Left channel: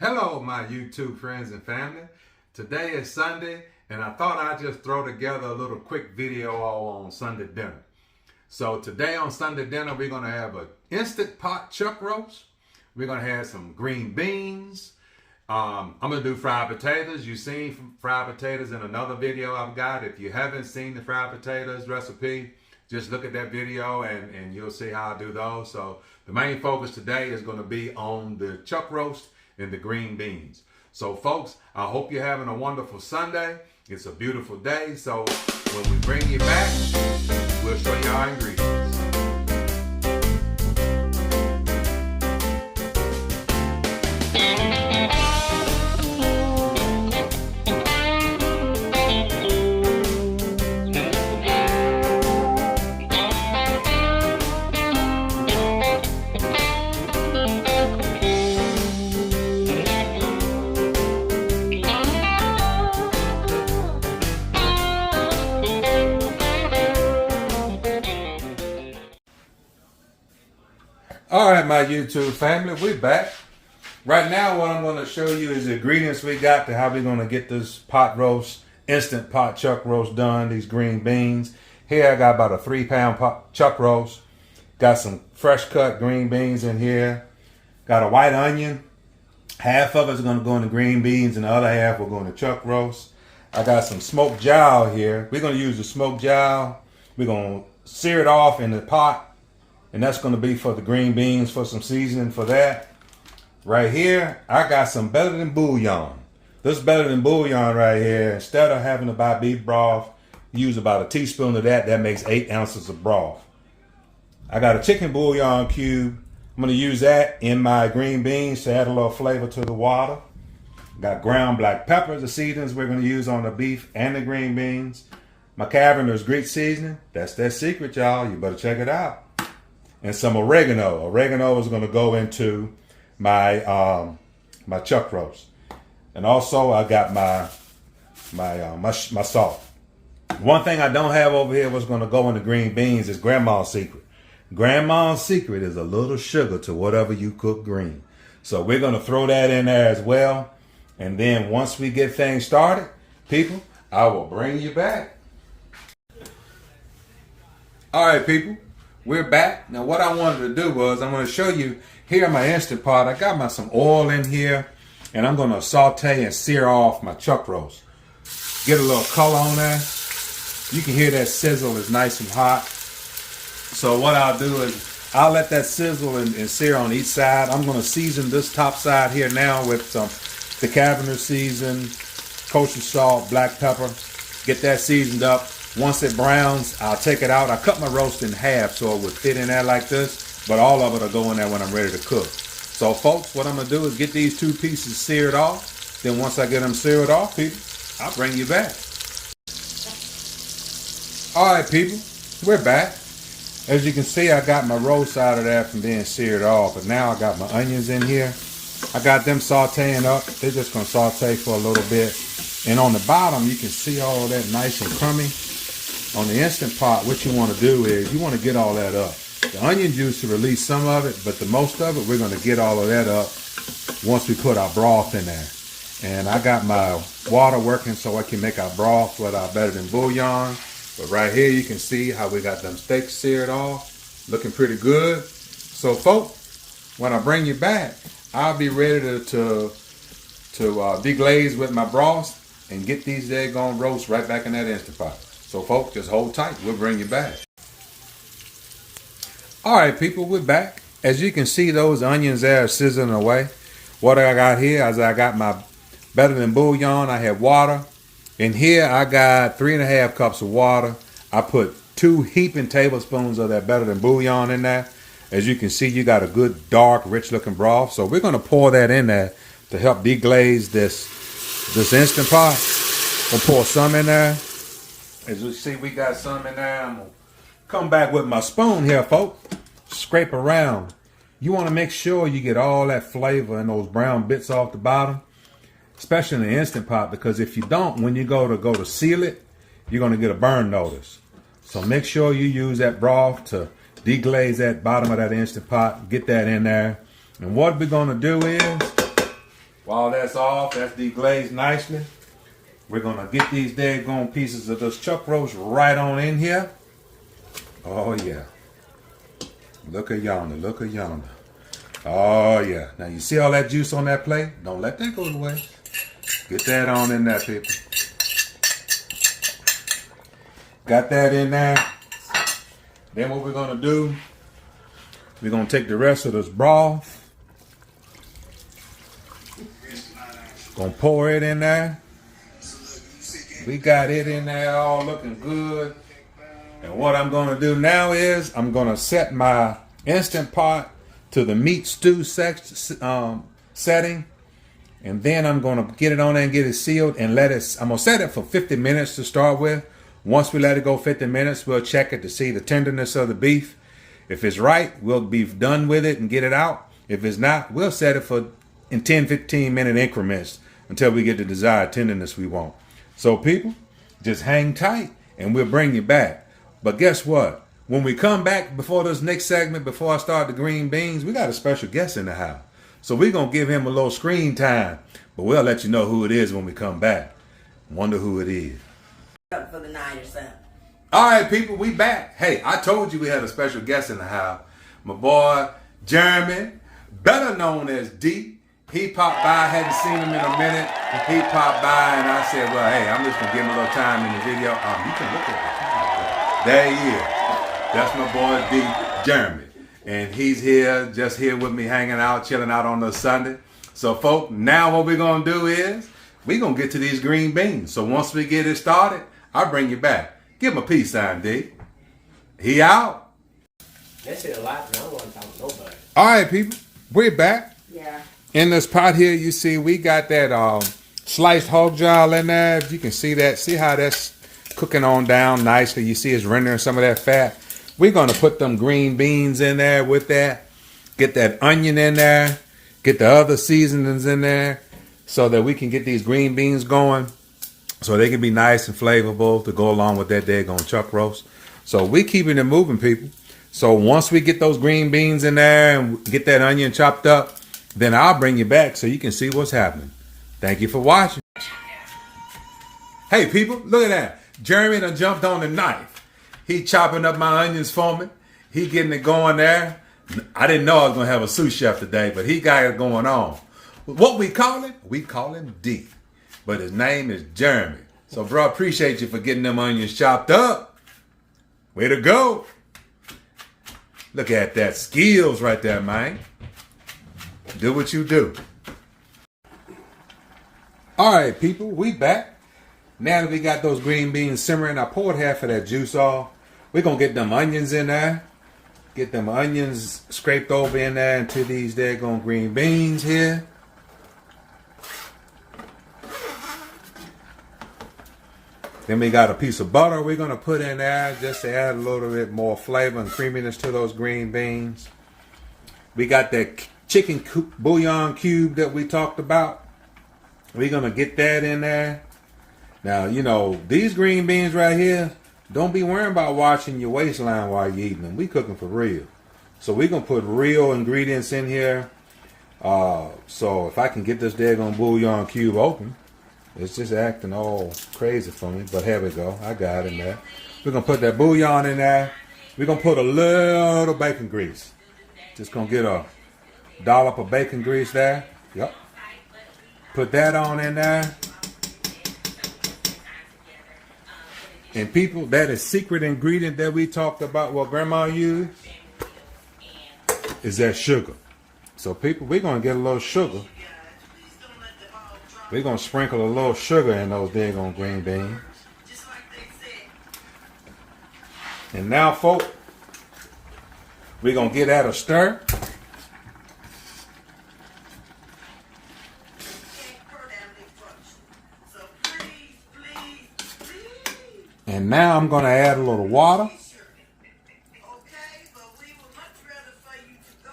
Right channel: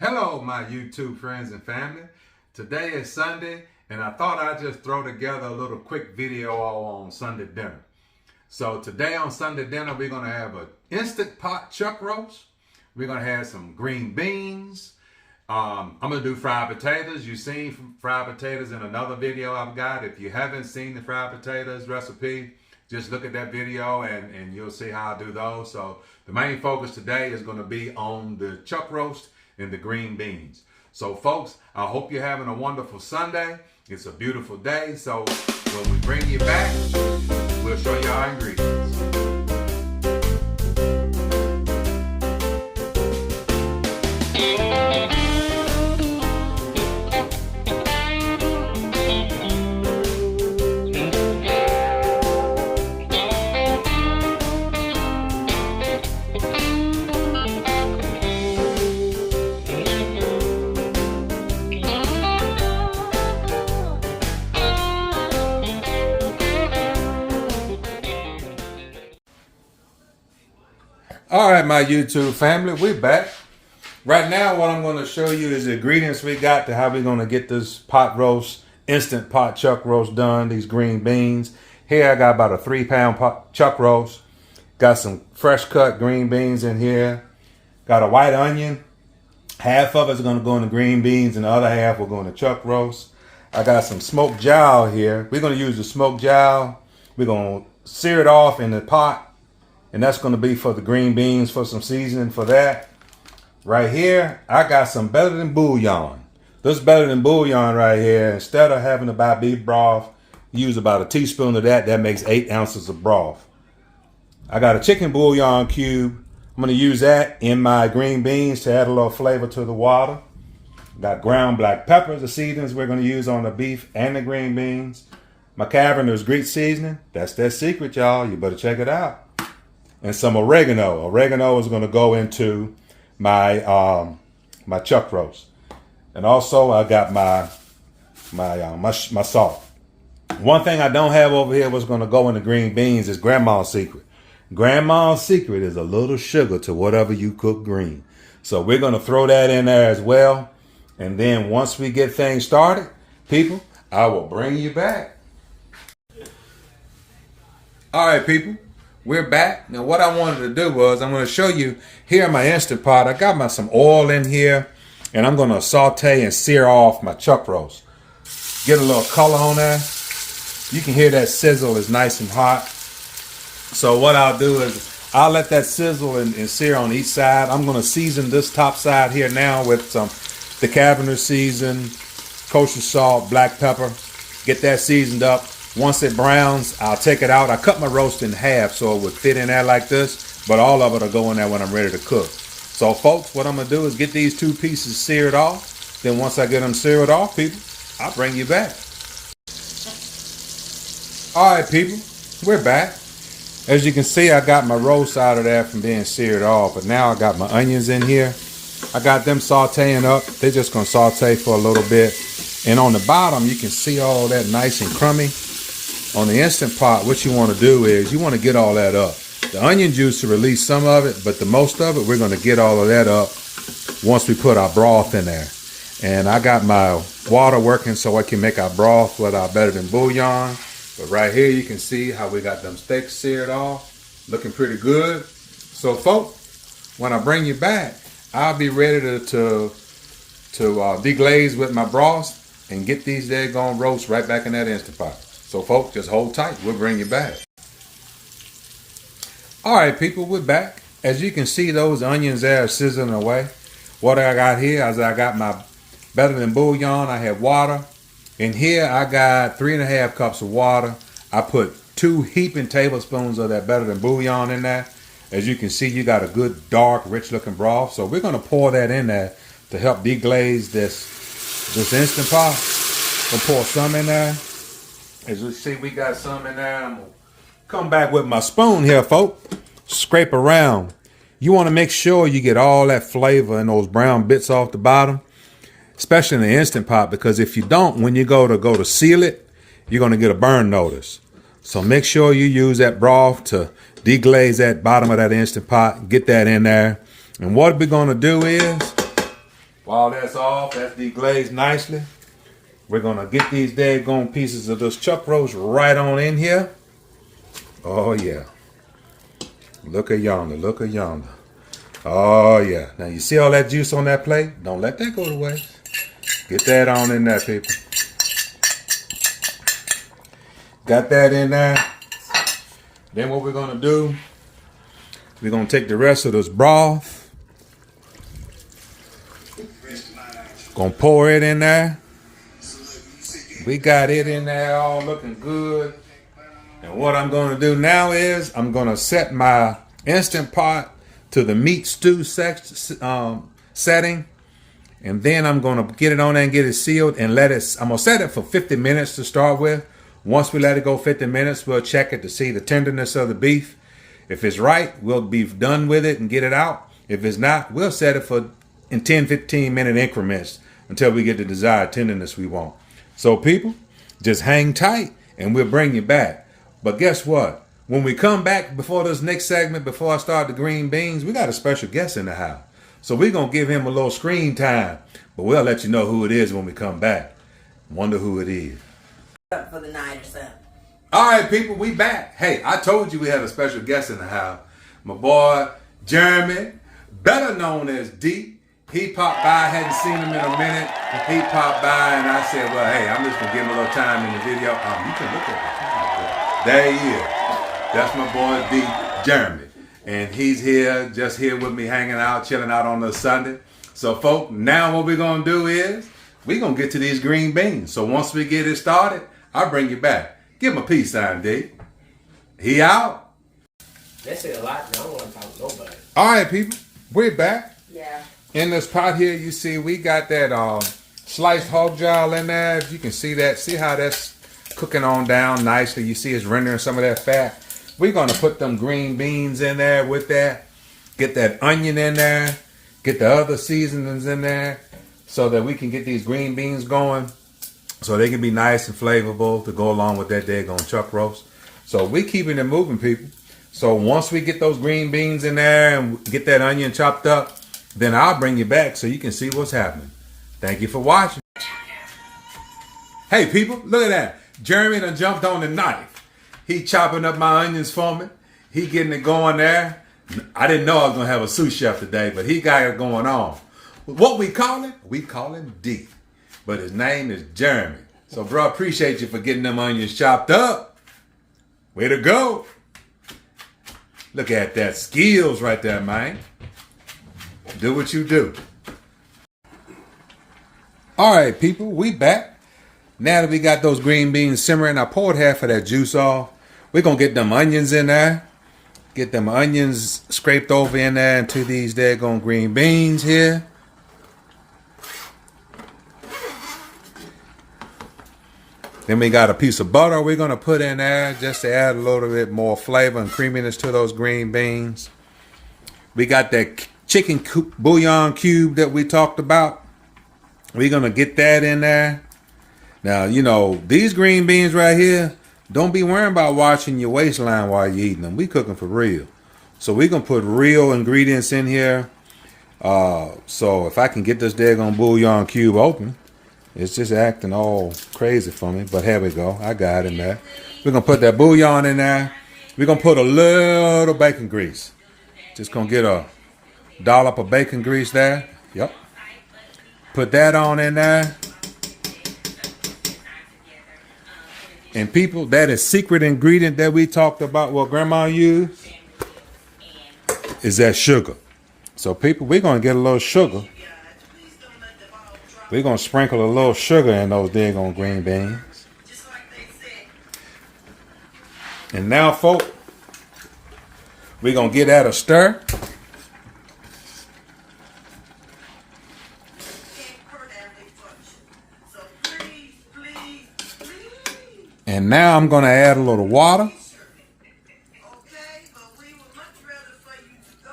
Hello, my YouTube friends and family. Today is Sunday, and I thought I'd just throw together a little quick video all on Sunday dinner. So today on Sunday dinner, we're going to have an Instant Pot chuck roast. We're going to have some green beans. I'm going to do fried potatoes. You've seen fried potatoes in another video I've got. If you haven't seen the fried potatoes recipe, just look at that video and you'll see how I do those. So the main focus today is going to be on the chuck roast and the green beans. So folks, I hope you're having a wonderful Sunday. It's a beautiful day. So when we bring you back, we'll show you our ingredients. All right, my YouTube family, we're back. Right now, what I'm going to show you is the ingredients we got to how we're going to get this pot roast, instant pot chuck roast done, these green beans. Here I got about a 3-pound chuck roast. Got some fresh cut green beans in here. Got a white onion. Half of it's going to go in the green beans and the other half will go in the chuck roast. I got some smoked jowl here. We're going to use the smoked jowl. We're going to sear it off in the pot. And that's going to be for the green beans, for some seasoning for that. Right here, I got some Better Than Bouillon. This Better Than Bouillon right here, instead of having to buy beef broth, use about a teaspoon of that. That makes 8 ounces of broth. I got a chicken bouillon cube. I'm going to use that in my green beans to add a little flavor to the water. Got ground black pepper, the seasonings we're going to use on the beef and the green beans. My Caverner's Greek seasoning. That's that secret, y'all. You better check it out. And some oregano. Oregano is going to go into my my chuck roast. And also I got my salt. One thing I don't have over here what's going to go in the green beans is Grandma's secret. Grandma's secret is a little sugar to whatever you cook green. So we're going to throw that in there as well. And then once we get things started, people, I will bring you back. All right, people. We're back. Now what I wanted to do was I'm going to show you here in my Instant Pot. I got some oil in here and I'm going to saute and sear off my chuck roast. Get a little color on there. You can hear that sizzle is nice and hot. So what I'll do is I'll let that sizzle and sear on each side. I'm going to season this top side here now with some the Caverner season, kosher salt, black pepper. Get that seasoned up. Once it browns, I'll take it out. I cut my roast in half so it would fit in there like this, but all of it will go in there when I'm ready to cook. So folks, what I'm going to do is get these 2 pieces seared off. Then once I get them seared off, people, I'll bring you back. All right, people, we're back. As you can see, I got my roast out of there from being seared off, but now I got my onions in here. I got them sauteing up. They're just going to saute for a little bit. And on the bottom, you can see all that nice and crummy. On the Instant Pot, what you want to do is you want to get all that up. The onion juice will release some of it, but the most of it, we're going to get all of that up once we put our broth in there. And I got my water working so I can make our broth with our Better Than Bouillon. But right here, you can see how we got them steaks seared off. Looking pretty good. So, folks, when I bring you back, I'll be ready to deglaze with my broth and get these daggone roasts right back in that Instant Pot. So, folks, just hold tight. We'll bring you back. All right, people, we're back. As you can see, those onions there are sizzling away. What I got here is I got my Better Than Bouillon. I have water. In here, I got 3.5 cups of water. I put 2 heaping tablespoons of that Better Than Bouillon in there. As you can see, you got a good, dark, rich-looking broth. So we're going to pour that in there to help deglaze this Instant Pot. We'll pour some in there. As you see, we got some in there. I'm going to come back with my spoon here, folks. Scrape around. You want to make sure you get all that flavor and those brown bits off the bottom, especially in the Instant Pot, because if you don't, when you go to seal it, you're going to get a burn notice. So make sure you use that broth to deglaze that bottom of that Instant Pot. Get that in there. And what we're going to do is, While that's off, that's deglazed nicely. We're gonna get these daggone pieces of this chuck roast right on in here. Oh yeah. Look at yonder, look at yonder. Oh yeah. Now you see all that juice on that plate? Don't let that go to waste. Get that on in there, people. Got that in there. Then what we're gonna do, we're gonna take the rest of this broth. Gonna pour it in there. We got it in there all looking good. And what I'm gonna do now is I'm gonna set my Instant Pot to the meat stew setting. And then I'm gonna get it on there and get it sealed and I'm gonna set it for 50 minutes to start with. Once we let it go 50 minutes, we'll check it to see the tenderness of the beef. If it's right, we'll be done with it and get it out. If it's not, we'll set it for in 10, 15 minute increments until we get the desired tenderness we want. So people, just hang tight and we'll bring you back. But guess what? When we come back before this next segment, before I start the green beans, we got a special guest in the house. So we're going to give him a little screen time, but we'll let you know who it is when we come back. Wonder who it is. Up for the night or something. All right, people, we back. Hey, I told you we had a special guest in the house. My boy, Jeremy, better known as D. He popped by, hadn't seen him in a minute. He popped by and I said, well, hey, I'm just going to give him a little time in the video. You can look at the camera. There he is. That's my boy, D, Jeremy. And he's here, just here with me, hanging out, chilling out on a Sunday. So, folks, now what we're going to do is we're going to get to these green beans. So once we get it started, I'll bring you back. Give him a peace sign, D. He out. They say a lot, and I don't want to talk to nobody. All right, people, we're back. Yeah. In this pot here, you see we got that sliced hog jowl in there. If you can see that, see how that's cooking on down nicely. You see it's rendering some of that fat. We're going to put them green beans in there with that. Get that onion in there. Get the other seasonings in there so that we can get these green beans going so they can be nice and flavorful to go along with that daggone chuck roast. So we keeping it moving, people. So once we get those green beans in there and get that onion chopped up, then I'll bring you back so you can see what's happening. Thank you for watching. Hey, people, look at that. Jeremy done jumped on the knife. He chopping up my onions for me. He getting it going there. I didn't know I was going to have a sous chef today, but he got it going on. What we call him? We call him D. But his name is Jeremy. So, bro, appreciate you for getting them onions chopped up. Way to go. Look at that. Skills right there, man. Do what you do. All right, people, we back. Now that we got those green beans simmering, I poured half of that juice off. We're going to get them onions in there. Get them onions scraped over in there into these daggone green beans here. Then we got a piece of butter we're going to put in there just to add a little bit more flavor and creaminess to those green beans. We got that chicken bouillon cube that we talked about. We're going to get that in there. Now, you know, these green beans right here, don't be worrying about watching your waistline while you're eating them. We cooking for real. So we're going to put real ingredients in here. So if I can get this daggone bouillon cube open, it's just acting all crazy for me. But here we go. I got it, man. We're going to put that bouillon in there. We're going to put a little bacon grease. Just going to get a dollop of bacon grease there. Yep. Put that on in there. And people, that is secret ingredient that we talked about what grandma used is that sugar. So people, we're going to get a little sugar. We're going to sprinkle a little sugar in those daggone green beans. And now, folks, we're going to get that a stir. And now I'm going to add a little water.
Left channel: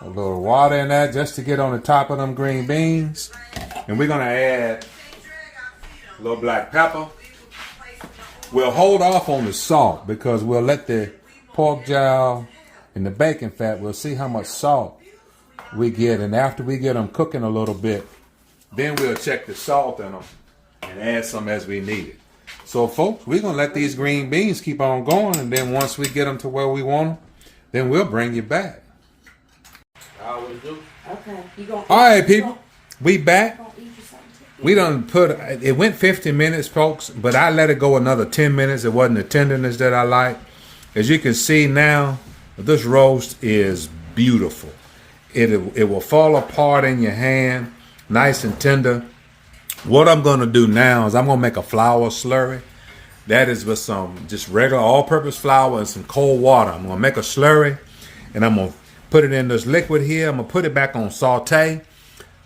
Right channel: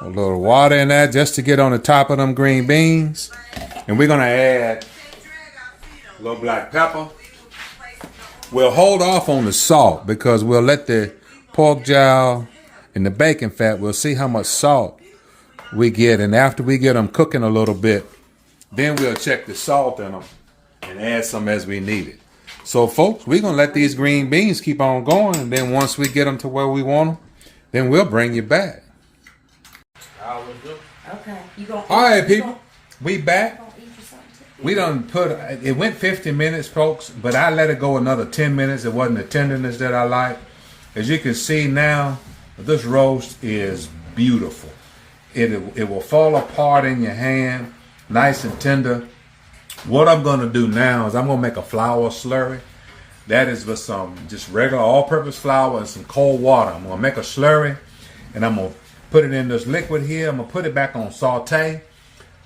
A little water in there just to get on the top of them green beans. And we're going to add a little black pepper. We'll hold off on the salt because we'll let the pork jowl and the bacon fat, we'll see how much salt we get. And after we get them cooking a little bit, Then we'll check the salt in them and add some as we need it. So, folks, we're going to let these green beans keep on going. And then once we get them to where we want them, then we'll bring you back. I always do. Okay. You gonna All right, people. We back. gonna eat you something too? We done put, it went 50 minutes, folks, but I let it go another 10 minutes. It wasn't the tenderness that I like. As you can see now, this roast is beautiful. It will fall apart in your hand, nice and tender. What I'm going to do now is I'm going to make a flour slurry. That is with some just regular all-purpose flour and some cold water. I'm going to make a slurry, and I'm going to put it in this liquid here. I'm going to put it back on saute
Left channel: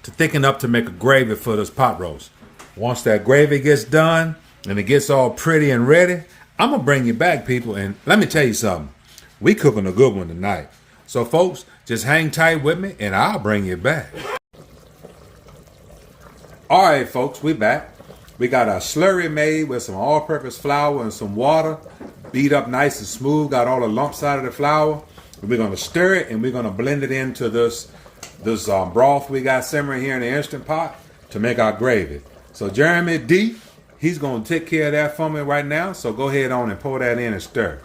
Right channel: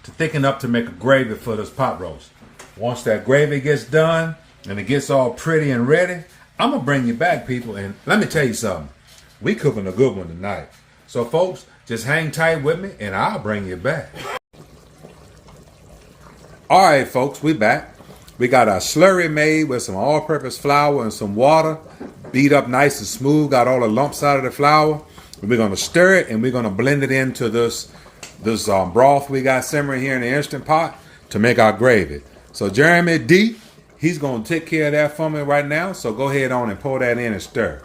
to thicken up to make a gravy for this pot roast. Once that gravy gets done and it gets all pretty and ready, I'm going to bring you back, people. And let me tell you something. We cooking a good one tonight. So, folks, just hang tight with me, and I'll bring you back. All right, folks, we back. We got our slurry made with some all-purpose flour and some water. Beat up nice and smooth. Got all the lumps out of the flour. And we're going to stir it, and we're going to blend it into this broth we got simmering here in the Instant Pot to make our gravy. So, Jeremy D, he's going to take care of that for me right now. So go ahead on and pour that in and stir.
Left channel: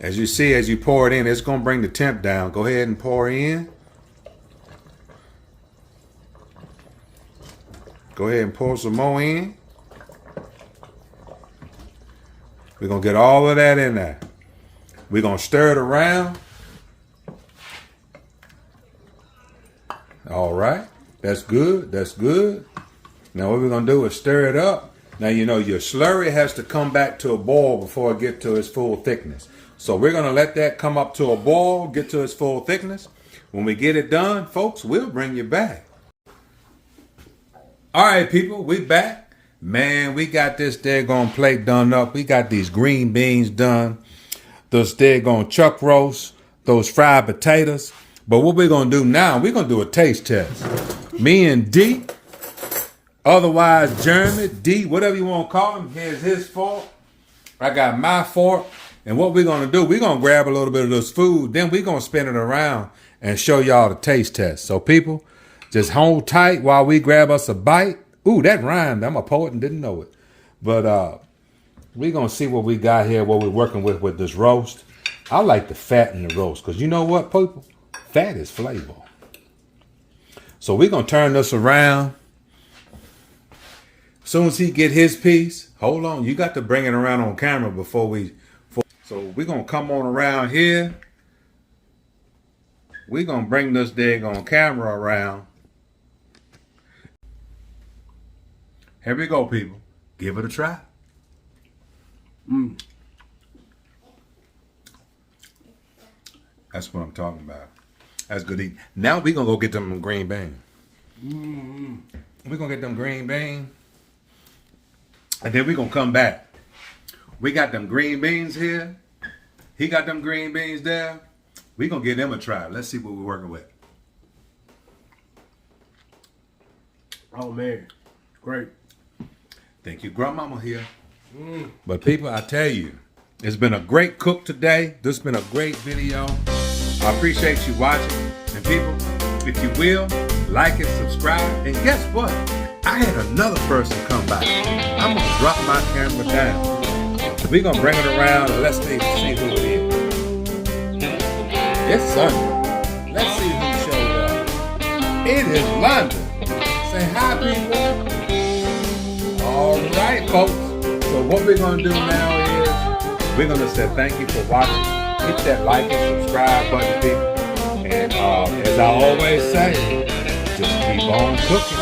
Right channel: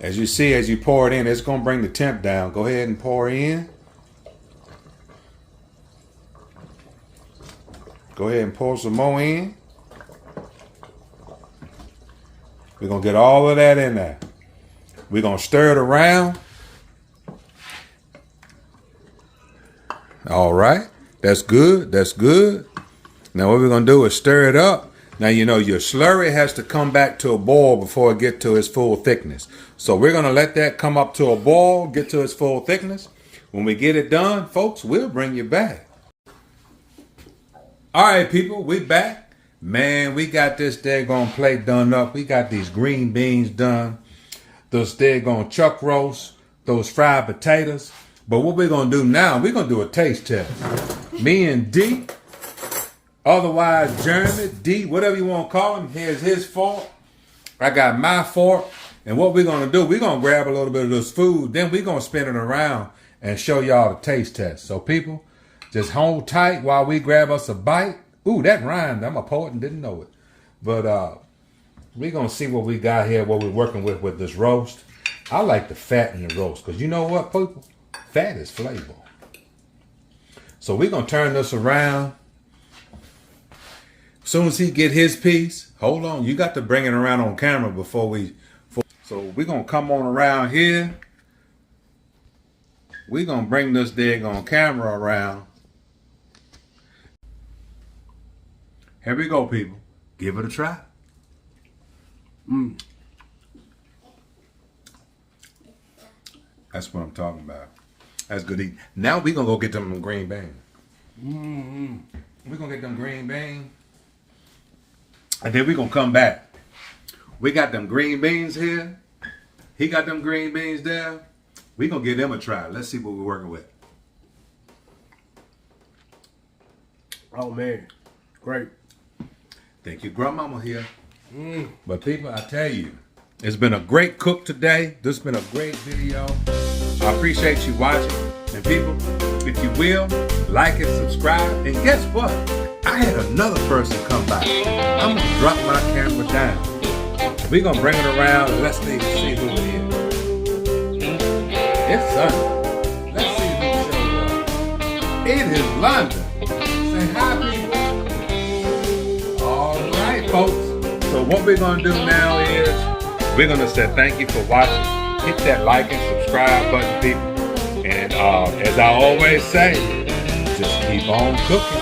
As you see, as you pour it in, it's going to bring the temp down. Go ahead and pour in. Go ahead and pour some more in. We're going to get all of that in there. We're going to stir it around. All right. That's good. That's good. Now what we're going to do is stir it up. Now, you know, your slurry has to come back to a boil before it gets to its full thickness. So we're going to let that come up to a boil, get to its full thickness. When we get it done, folks, we'll bring you back. All right, people, we back. Man, we got this daggone plate done up. We got these green beans done. Those daggone chuck roast, those fried potatoes. But what we're going to do now, we're going to do a taste test. Me and D, otherwise Jeremy, D, whatever you want to call him, here's his fork. I got my fork. And what we're going to do, we're going to grab a little bit of this food, then we're going to spin it around and show y'all the taste test. So people, just hold tight while we grab us a bite. Ooh, that rhymed. I'm a poet and didn't know it. But we're going to see what we got here, what we're working with this roast. I like the fat in the roast because you know what, people? Fat is flavor. So we're going to turn this around. As soon as he get his piece, hold on. You got to bring it around on camera before we... So we're going to come on around here. We're going to bring this daggone camera around. Here we go, people. Give it a try. That's what I'm talking about. That's good eating. Now we're going to go get them green beans. We're going to get them green beans. And then we're going to come back. We got them green beans here. He got them green beans there. We're going to give them a try. Let's see what we're working with. Oh, man. Great. Thank you, Grandmama here. But people, I tell you, it's been a great cook today. This has been a great video. I appreciate you watching. And people, if you will, like and subscribe. And guess what? I had another person come by. I'm going to drop my camera down. We're going to bring it around and let's see who it is. It's Sunday. Let's see who showed up. It is London. Say hi, people. All right, folks. So what we're going to do now is we're going to say thank you for watching. Hit that like and subscribe button, people. And as I always say, just keep on cooking.